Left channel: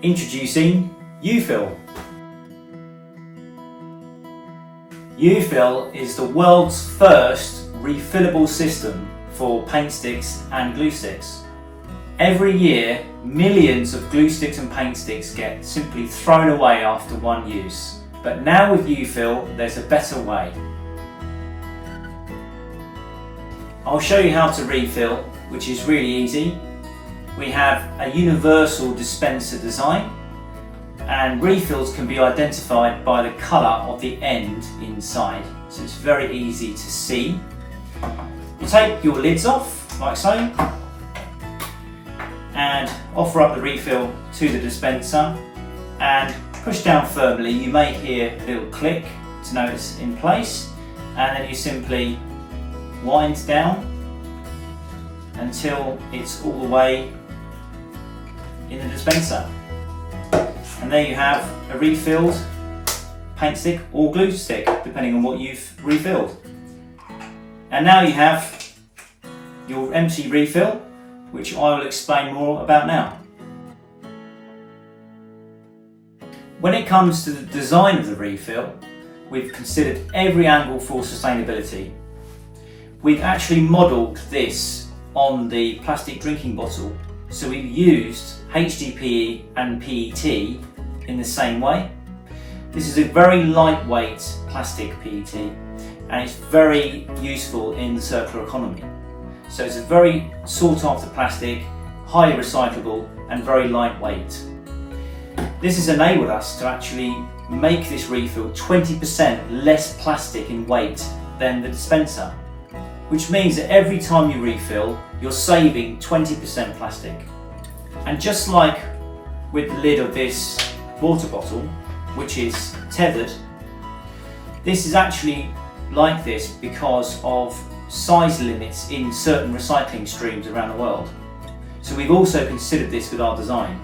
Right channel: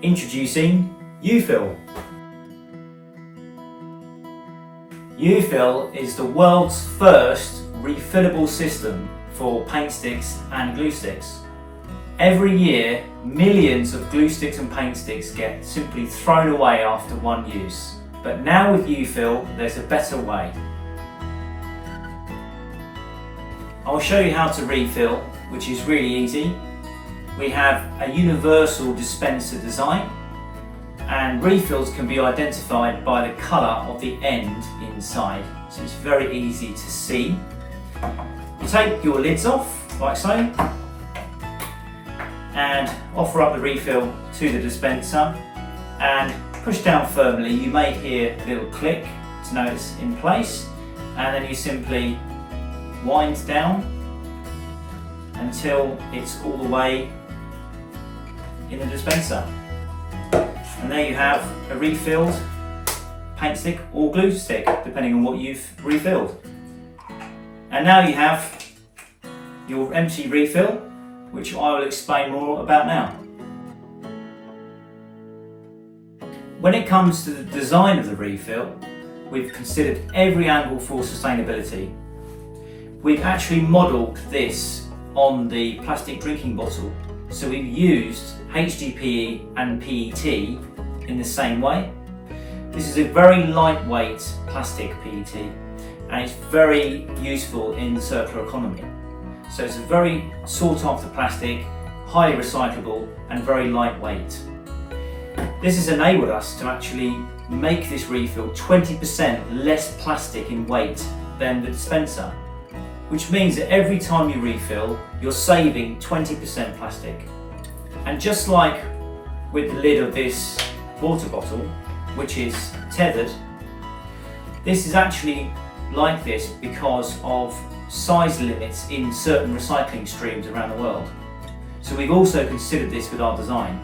Introducing U-Fill. U-Fill is the world's first refillable system for paint sticks and glue sticks. Every year, millions of glue sticks and paint sticks get simply thrown away after one use. But now with U-Fill, there's a better way. I'll show you how to refill, which is really easy. We have a universal dispenser design, and refills can be identified by the colour of the end inside, so it's very easy to see. You take your lids off, like so, and offer up the refill to the dispenser and push down firmly. You may hear a little click to know it's in place, and then you simply wind down until it's all the way in the dispenser. And there you have a refilled paint stick or glue stick, depending on what you've refilled. And now you have your empty refill, which I will explain more about now. When it comes to the design of the refill, we've considered every angle for sustainability. We've actually modelled this on the plastic drinking bottle, so we've used HDPE and PET in the same way. This is a very lightweight plastic PET, and it's very useful in the circular economy. So it's a very sought after plastic, highly recyclable and very lightweight. This has enabled us to actually make this refill 20% less plastic in weight than the dispenser, which means that every time you refill, you're saving 20% plastic. And just like with the lid of this water bottle, which is tethered, this is actually like this because of size limits in certain recycling streams around the world. So we've also considered this with our design.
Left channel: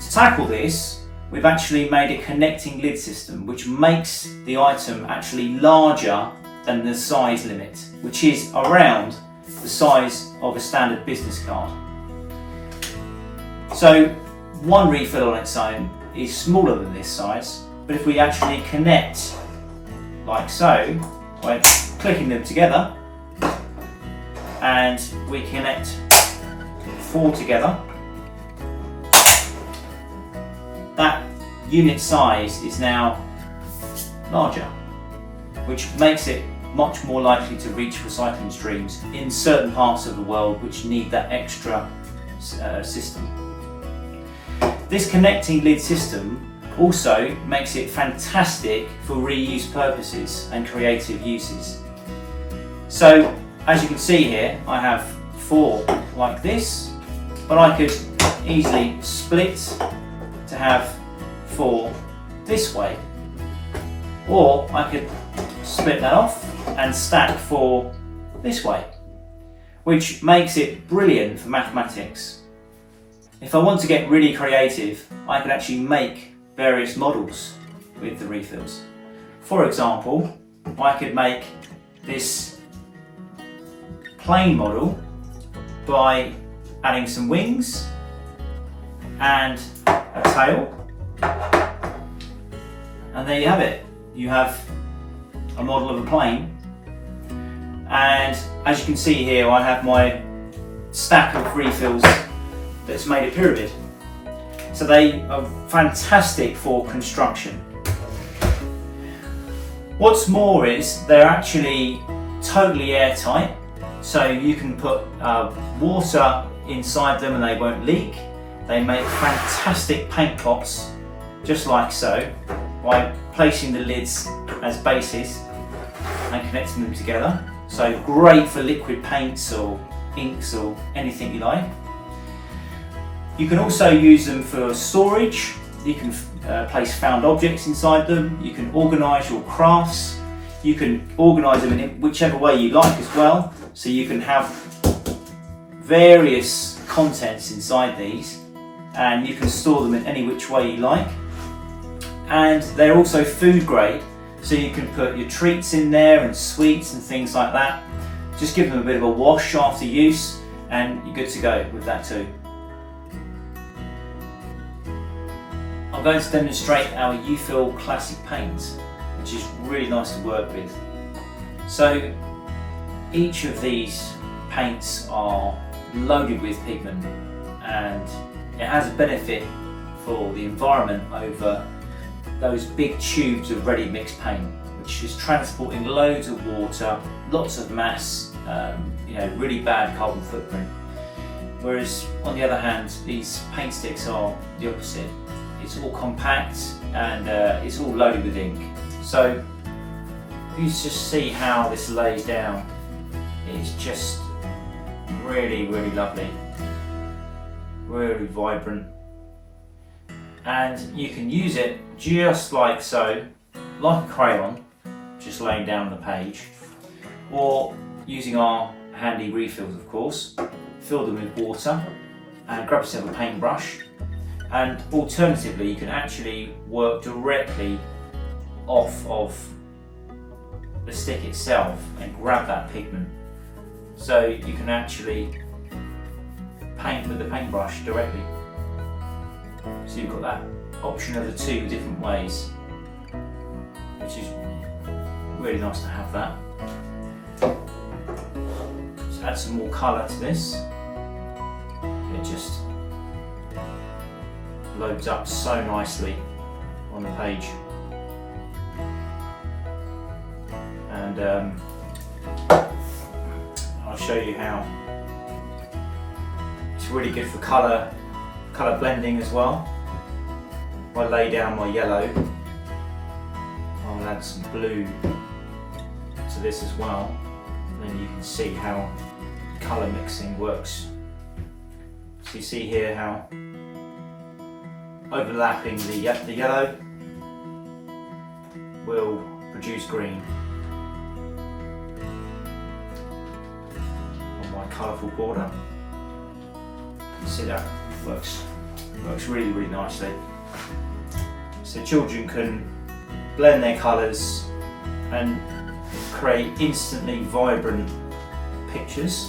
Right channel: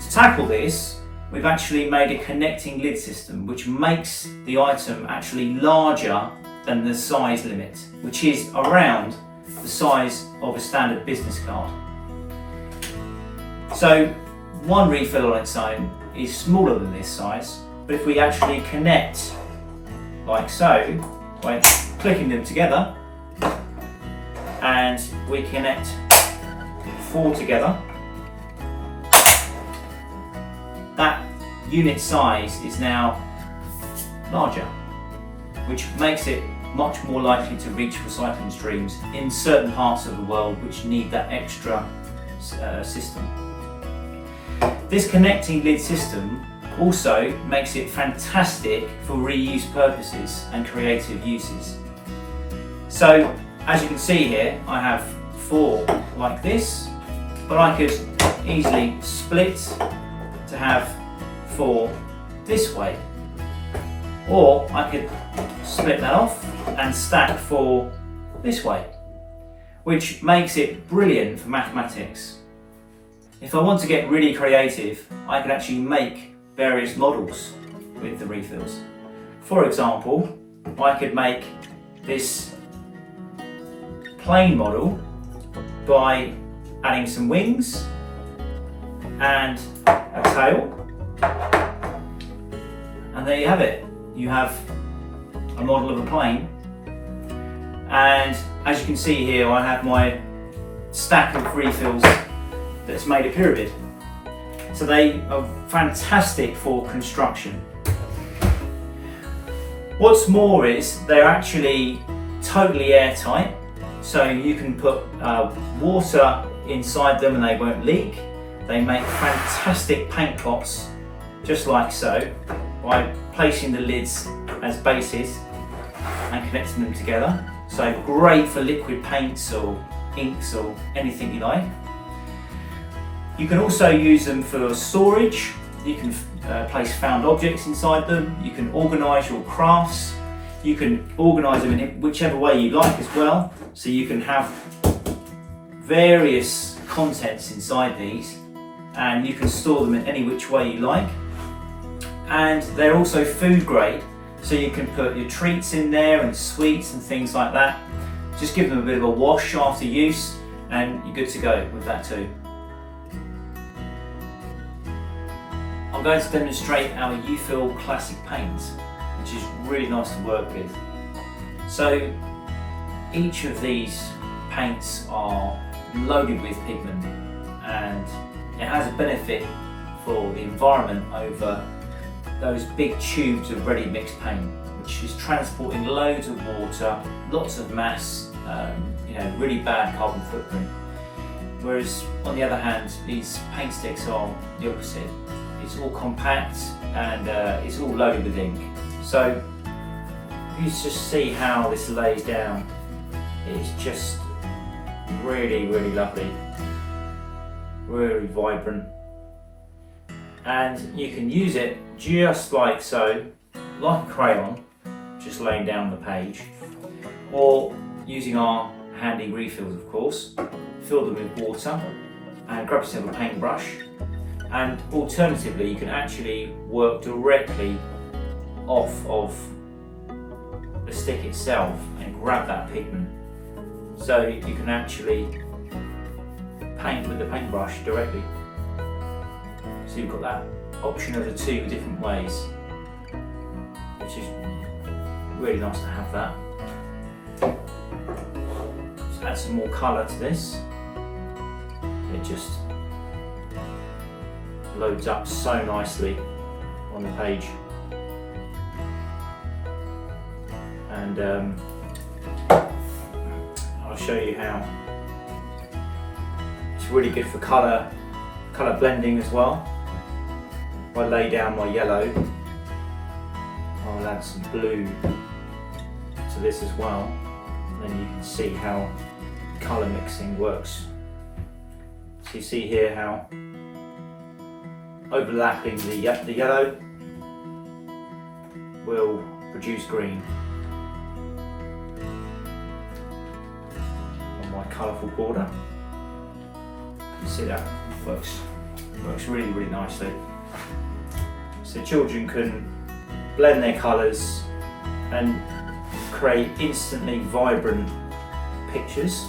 To tackle this, we've actually made a connecting lid system which makes the item actually larger than the size limit, which is around the size of a standard business card. So one refill on its own is smaller than this size, but if we actually connect like so, by clicking them together, and we connect 4 together, that unit size is now larger, which makes it much more likely to reach recycling streams in certain parts of the world which need that extra system. This connecting lid system also makes it fantastic for reuse purposes and creative uses. So as you can see here, I have 4 like this, but I could easily split to have 4 this way, or I could split that off and stack 4 this way, which makes it brilliant for mathematics. If I want to get really creative, I can actually make various models with the refills. For example, I could make this plain model by adding some wings and a tail, and there you have it. You have a model of a plane, and as you can see here, I have my stack of refills that's made a pyramid. So they are fantastic for construction. What's more is they're actually totally airtight, so you can put water inside them and they won't leak. They make fantastic paint pots, just like so, by placing the lids as bases and connecting them together. So great for liquid paints or inks or anything you like. You can also use them for storage. You can place found objects inside them. You can organise your crafts. You can organise them in whichever way you like as well. So you can have various contents inside these, and you can store them in any which way you like. And they're also food grade, so you can put your treats in there and sweets and things like that. Just give them a bit of a wash after use and you're good to go with that too. I'm going to demonstrate our UFill Classic paint, which is really nice to work with. So each of these paints are loaded with pigment, and it has a benefit for the environment over those big tubes of ready mixed paint, which is transporting loads of water, lots of mass, really bad carbon footprint. Whereas on the other hand, these paint sticks are the opposite. It's all compact and it's all loaded with ink. So you just see how this lays down. It's just really, really lovely, really vibrant. And you can use it just like so, like a crayon, just laying down on the page, or using our handy refills, of course. Fill them with water and grab yourself a paintbrush, and alternatively you can actually work directly off of the stick itself and grab that pigment, so you can actually paint with the paintbrush directly. So you've got that option of the two different ways, which is really nice to have that. Let's add some more colour to this. It just loads up so nicely on the page, and I'll show you how it's really good for colour blending as well. If I lay down my yellow, I'll add some blue to this as well, and then you can see how colour mixing works. So you see here how overlapping the yellow will produce green on my colourful border. You see that works really, really nicely. So children can blend their colours and create instantly vibrant pictures.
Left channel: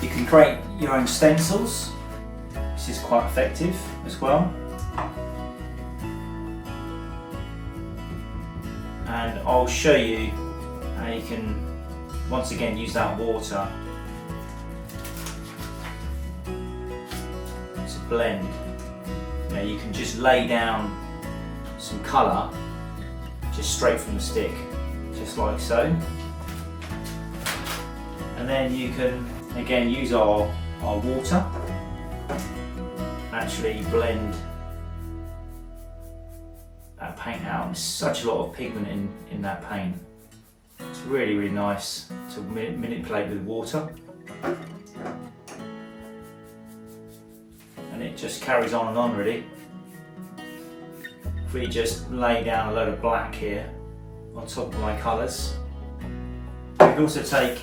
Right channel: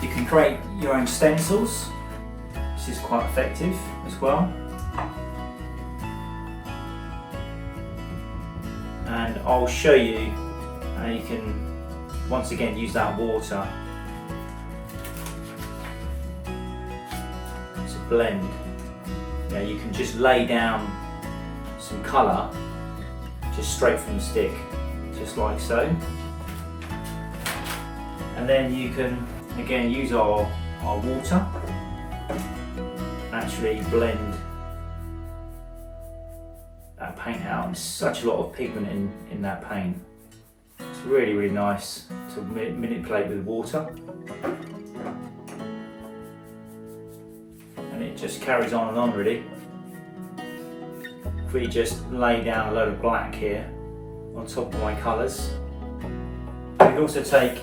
You can create your own stencils. This is quite effective as well. And I'll show you how you can once again use that water to blend. You can just lay down some colour just straight from the stick, just like so. And then you can again use our water, actually blend that paint out. There's such a lot of pigment in that paint. It's really, really nice to manipulate with water. And it just carries on and on really. If we just lay down a load of black here on top of my colours. We can also take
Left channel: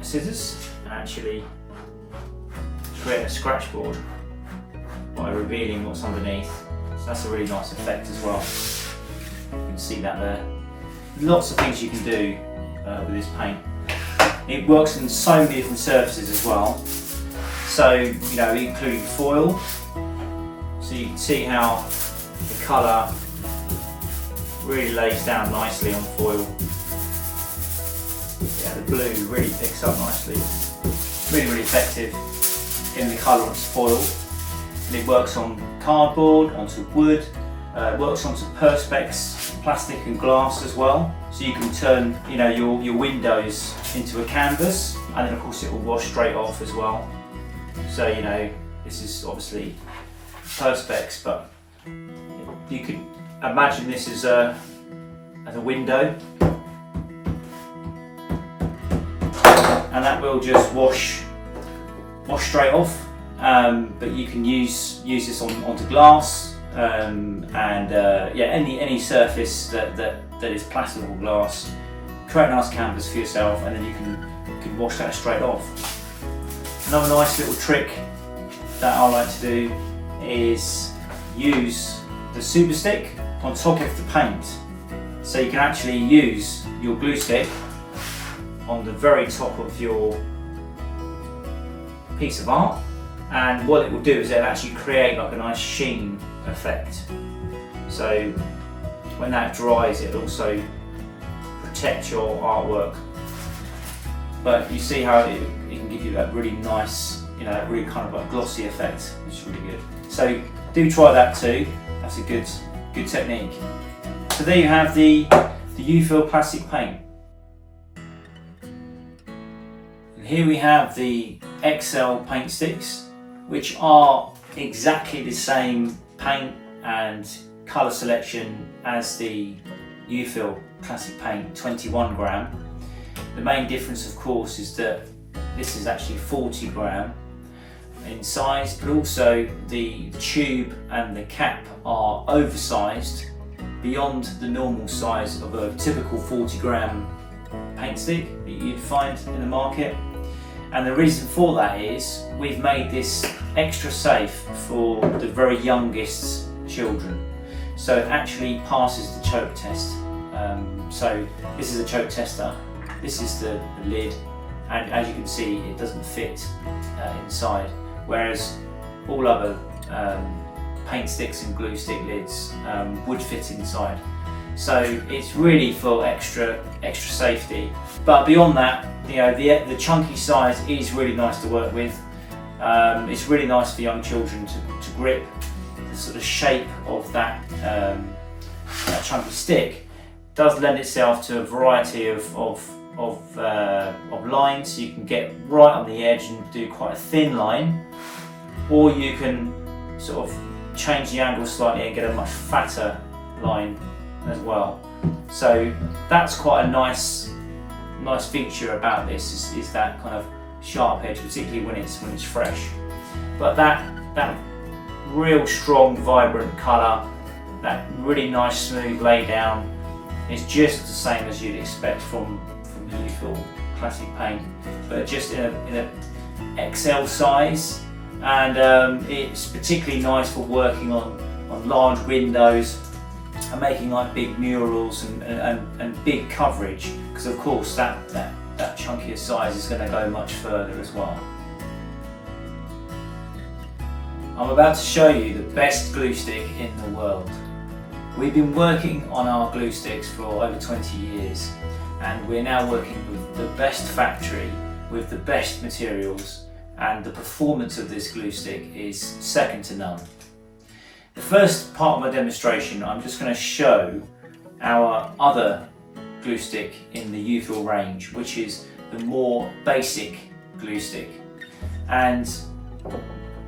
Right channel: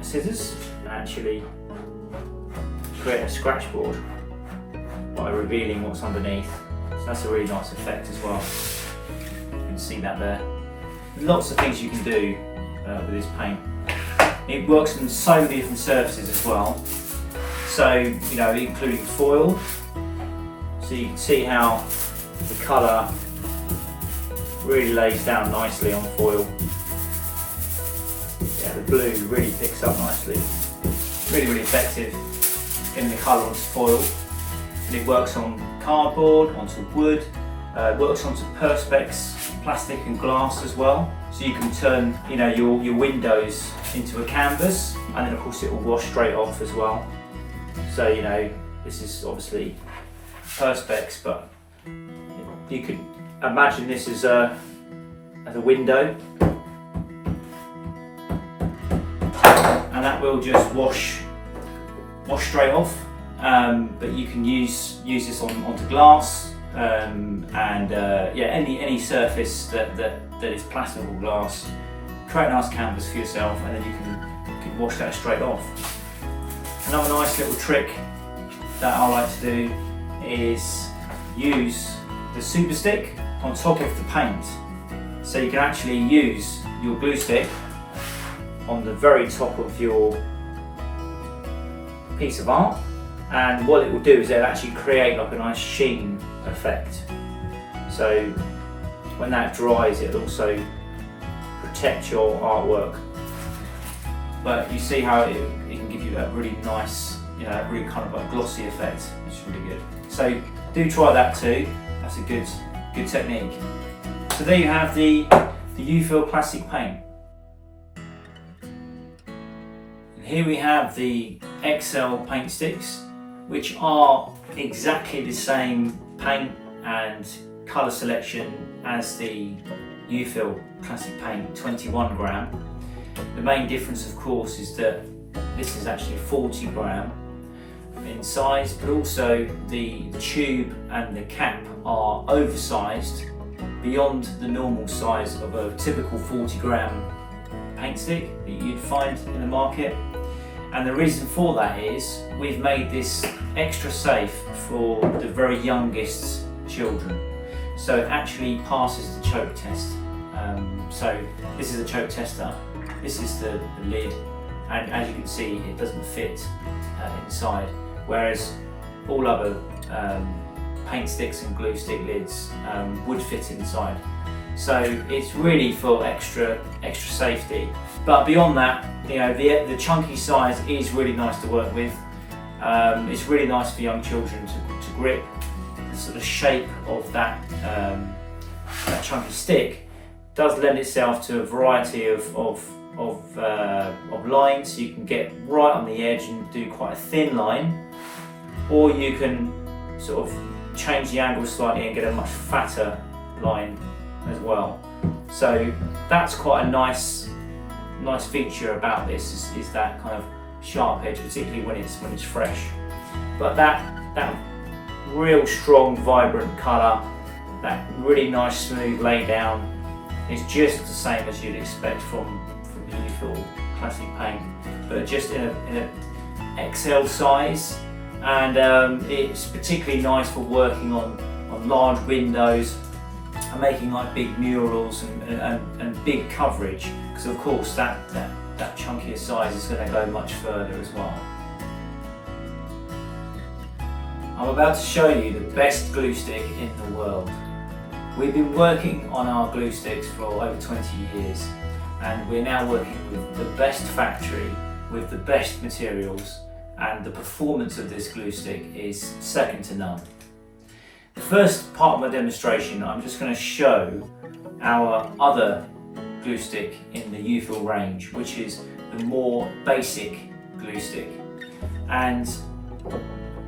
scissors and actually create a scratch board by revealing what's underneath. So that's a really nice effect as well. You can see that there. Lots of things you can do with this paint. It works on so many different surfaces as well. So, including foil. So you can see how the colour really lays down nicely on foil. Yeah, the blue really picks up nicely. Really, really effective in the colour onto foil. And it works on cardboard, onto wood, it works onto perspex, plastic and glass as well. So you can turn your windows into a canvas, and then of course it will wash straight off as well. So this is obviously perspex, but you could imagine this as a window, and that will just wash straight off. But you can use this onto glass, any surface that is plastic or glass. Create a nice canvas for yourself, and then you can wash that straight off. Another nice little trick that I like to do is use the super stick on top of the paint. So you can actually use your glue stick on the very top of your piece of art, and what it will do is it'll actually create like a nice sheen effect. So when that dries, it'll also protect your artwork. But you see how it can give you that really nice, really kind of like glossy effect, which is really good. So do try that too. That's a good technique. So there you have the U-Fill plastic paint. And here we have the XL paint sticks, which are exactly the same paint and colour selection as the U-Fill classic paint, 21 gram. The main difference, of course, is that this is actually 40 gram in size, but also the tube and the cap are oversized beyond the normal size of a typical 40 gram paint stick that you'd find in the market. And the reason for that is we've made this extra safe for the very youngest children. So it actually passes the choke test. So this is a choke tester, this is the lid, and as you can see it doesn't fit inside, whereas all other paint sticks and glue stick lids would fit inside. So it's really for extra safety. But beyond that, the chunky size is really nice to work with. It's really nice for young children to grip. The sort of shape of that chunky stick does lend itself to a variety of lines. You can get right on the edge and do quite a thin line, or you can sort of change the angle slightly and get a much fatter line as well. So that's quite a nice feature about this is that kind of sharp edge, particularly when it's fresh. But that real strong, vibrant colour, that really nice smooth lay down is just the same as you'd expect from the U-Fill classic paint, but just in a XL size, and it's particularly nice for working on large windows and making like big murals and big coverage, because of course that chunkier size is going to go much further as well. I'm about to show you the best glue stick in the world. We've been working on our glue sticks for over 20 years, and we're now working with the best factory, with the best materials, and the performance of this glue stick is second to none. The first part of my demonstration, I'm just going to show our other glue stick in the U-Fill range, which is the more basic glue stick. And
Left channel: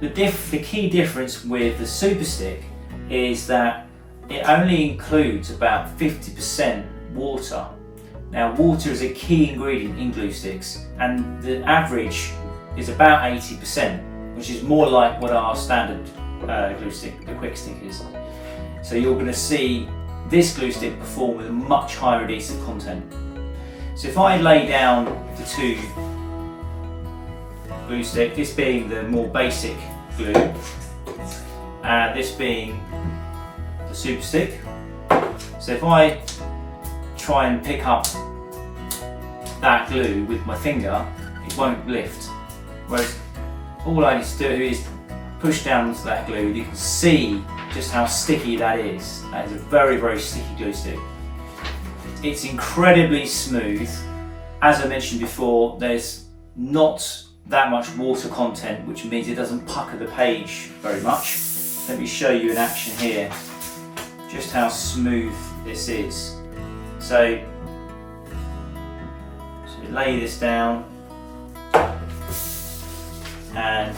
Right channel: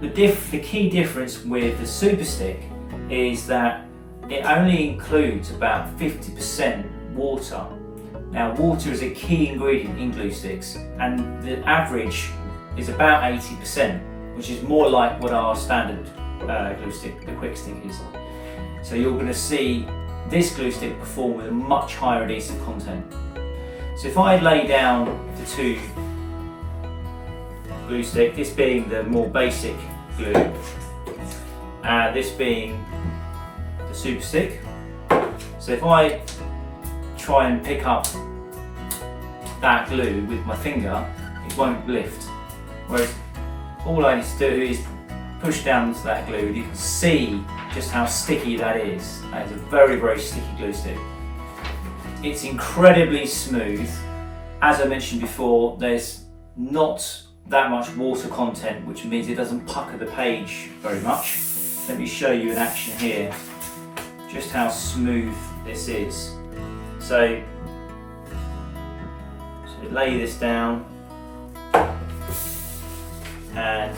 the key difference with the super stick is that it only includes about 50% water. Now, water is a key ingredient in glue sticks, and the average is about 80%, which is more like what our standard glue stick, the quick stick, is. So you're going to see this glue stick perform with a much higher adhesive content. So if I lay down the two glue stick, this being the more basic glue, this being the super stick. So if I try and pick up that glue with my finger, it won't lift. Whereas all I need to do is push down onto that glue, and you can see just how sticky that is. That is a very, very sticky glue stick. It's incredibly smooth. As I mentioned before, there's not that much water content, which means it doesn't pucker the page very much. Let me show you in action here just how smooth this is. So lay this down, and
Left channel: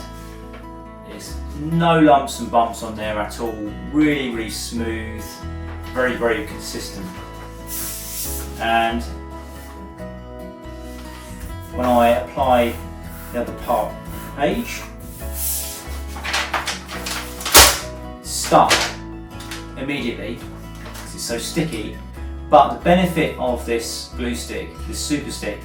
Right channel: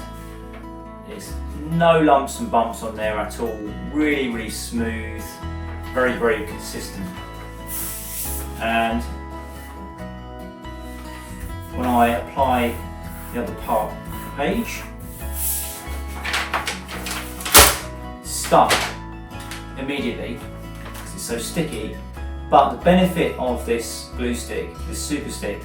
there's no lumps and bumps on there at all. Really, really smooth, very, very consistent. And when I apply the other part of the page, stuck immediately because it's so sticky. But the benefit of this glue stick, this super stick,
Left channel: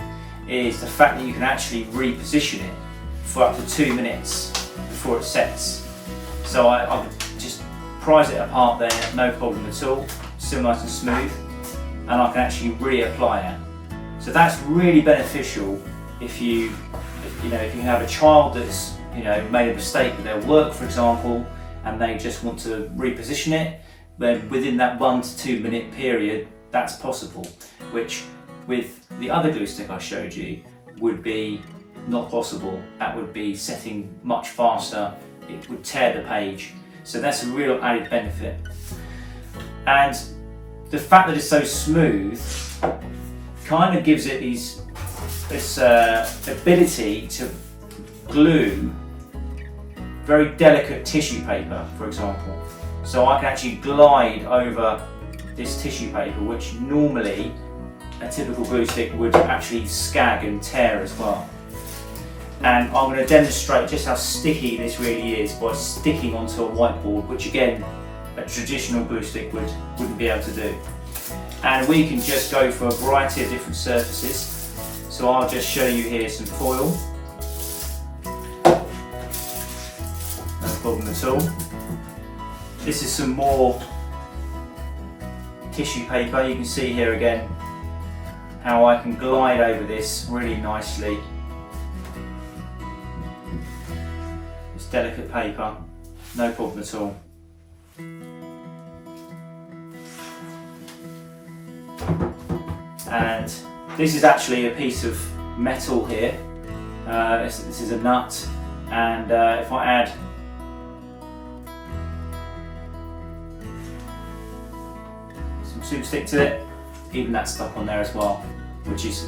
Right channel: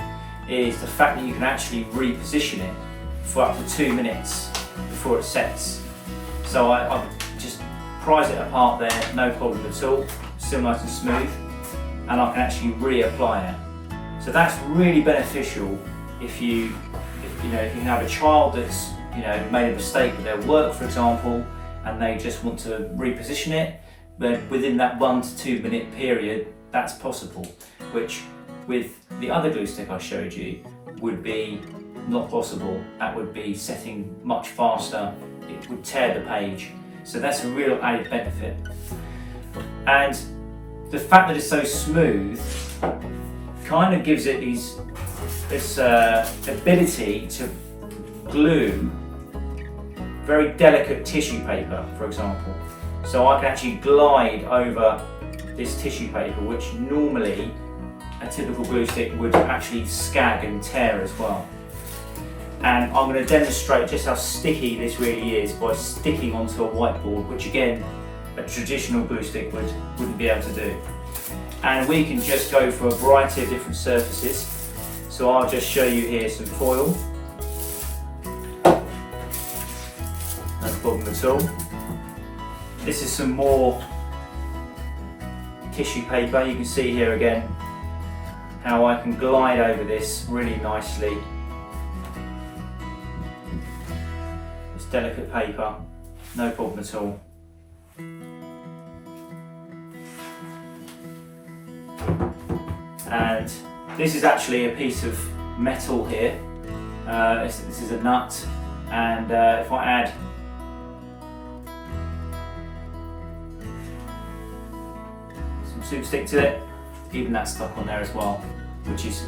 is the fact that you can actually reposition it for up to 2 minutes before it sets. So I just prise it apart there, no problem at all, still nice and smooth, and I can actually reapply it. So that's really beneficial if you have a child that's made a mistake with their work, for example, and they just want to reposition it, then within that 1 to 2 minute period, that's possible, which with the other glue stick I showed you would be not possible. That would be setting much faster, it would tear the page. So that's a real added benefit. And the fact that it's so smooth kind of gives it this ability to glue very delicate tissue paper, for example. So I can actually glide over this tissue paper, which normally a typical glue stick would actually scag and tear as well. And I'm going to demonstrate just how sticky this really is by sticking onto a whiteboard, which again, a traditional glue stick wouldn't be able to do. And we can just go for a variety of different surfaces. So I'll just show you here some foil. No problem at all. This is some more tissue paper. You can see here again how I can glide over this really nicely. This delicate paper, no problem at all. And this is actually a piece of metal here. This is a nut, and if I add some super stick to it, even that's stuck on there as well, which is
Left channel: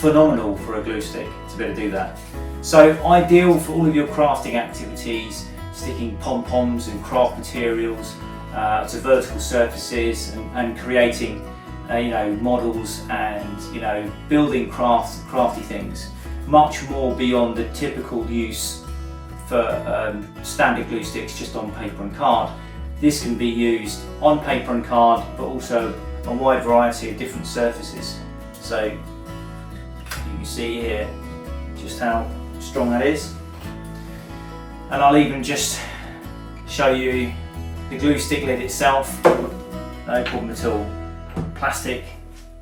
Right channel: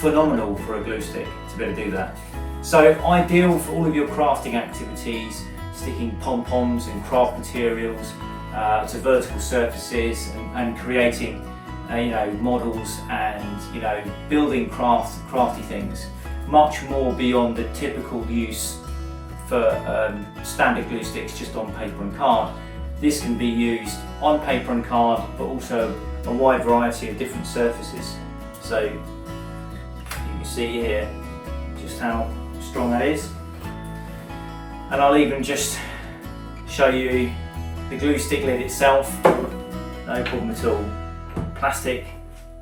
phenomenal for a glue stick to be able to do that. So ideal for all of your crafting activities, sticking pom-poms and craft materials to vertical surfaces and creating models and building crafty things. Much more beyond the typical use for standard glue sticks just on paper and card. This can be used on paper and card, but also a wide variety of different surfaces. So you can see here just how strong that is. And I'll even just show you the glue stick lid itself, no problem at all. Plastic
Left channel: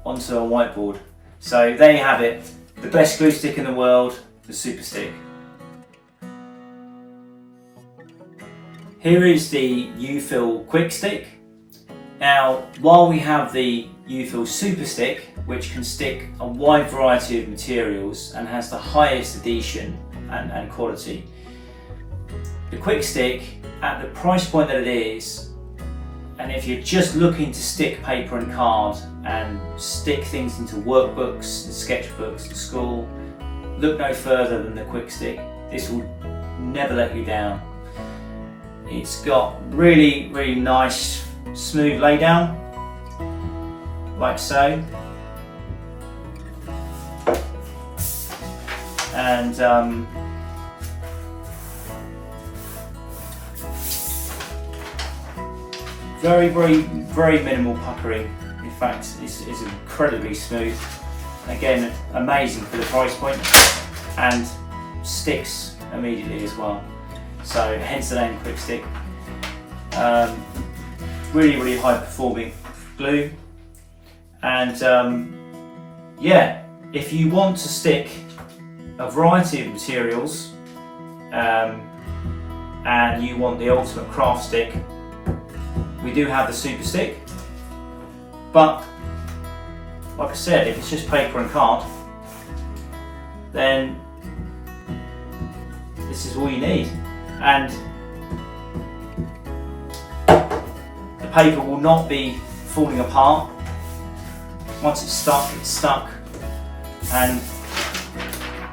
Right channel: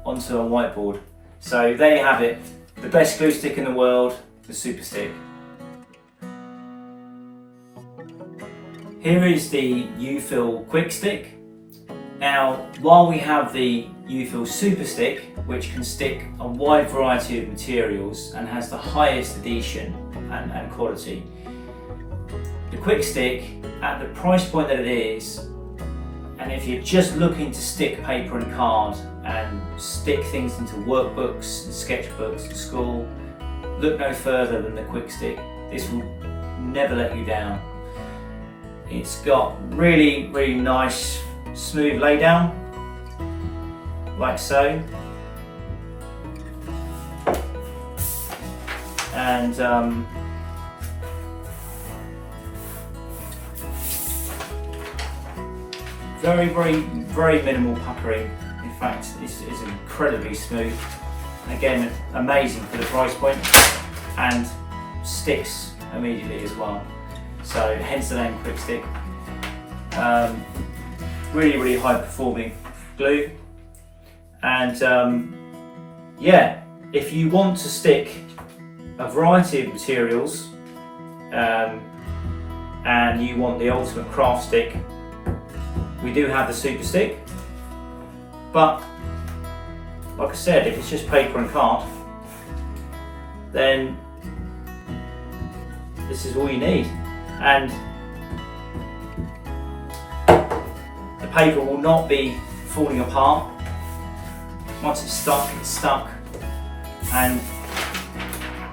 onto a whiteboard. So there you have it, the best glue stick in the world, the Super Stick. Here is the U-Fill Quick Stick. Now, while we have the U-Fill Super Stick, which can stick a wide variety of materials and has the highest adhesion and quality, the Quick Stick, at the price point that it is, and if you're just looking to stick paper and card and stick things into workbooks and sketchbooks at school, look no further than the Quick Stick. This will never let you down. It's got really, really nice smooth laydown, like so. And very, very, very minimal puckering. In fact, this is incredibly smooth. Again, amazing for the price point, and sticks immediately as well. So hence the name Quick Stick. Really, really high performing glue. And yeah, if you want to stick a variety of materials and you want the ultimate craft stick, we do have the Super Stick. But like I said, if it's just paper and card, then this is all you need. And the paper will not be falling apart. Once it's stuck and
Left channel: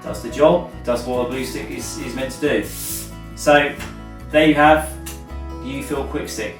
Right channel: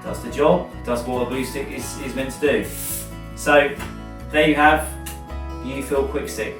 does the job, does what a glue stick is meant to do. So there you have the U-Fill Quick Stick.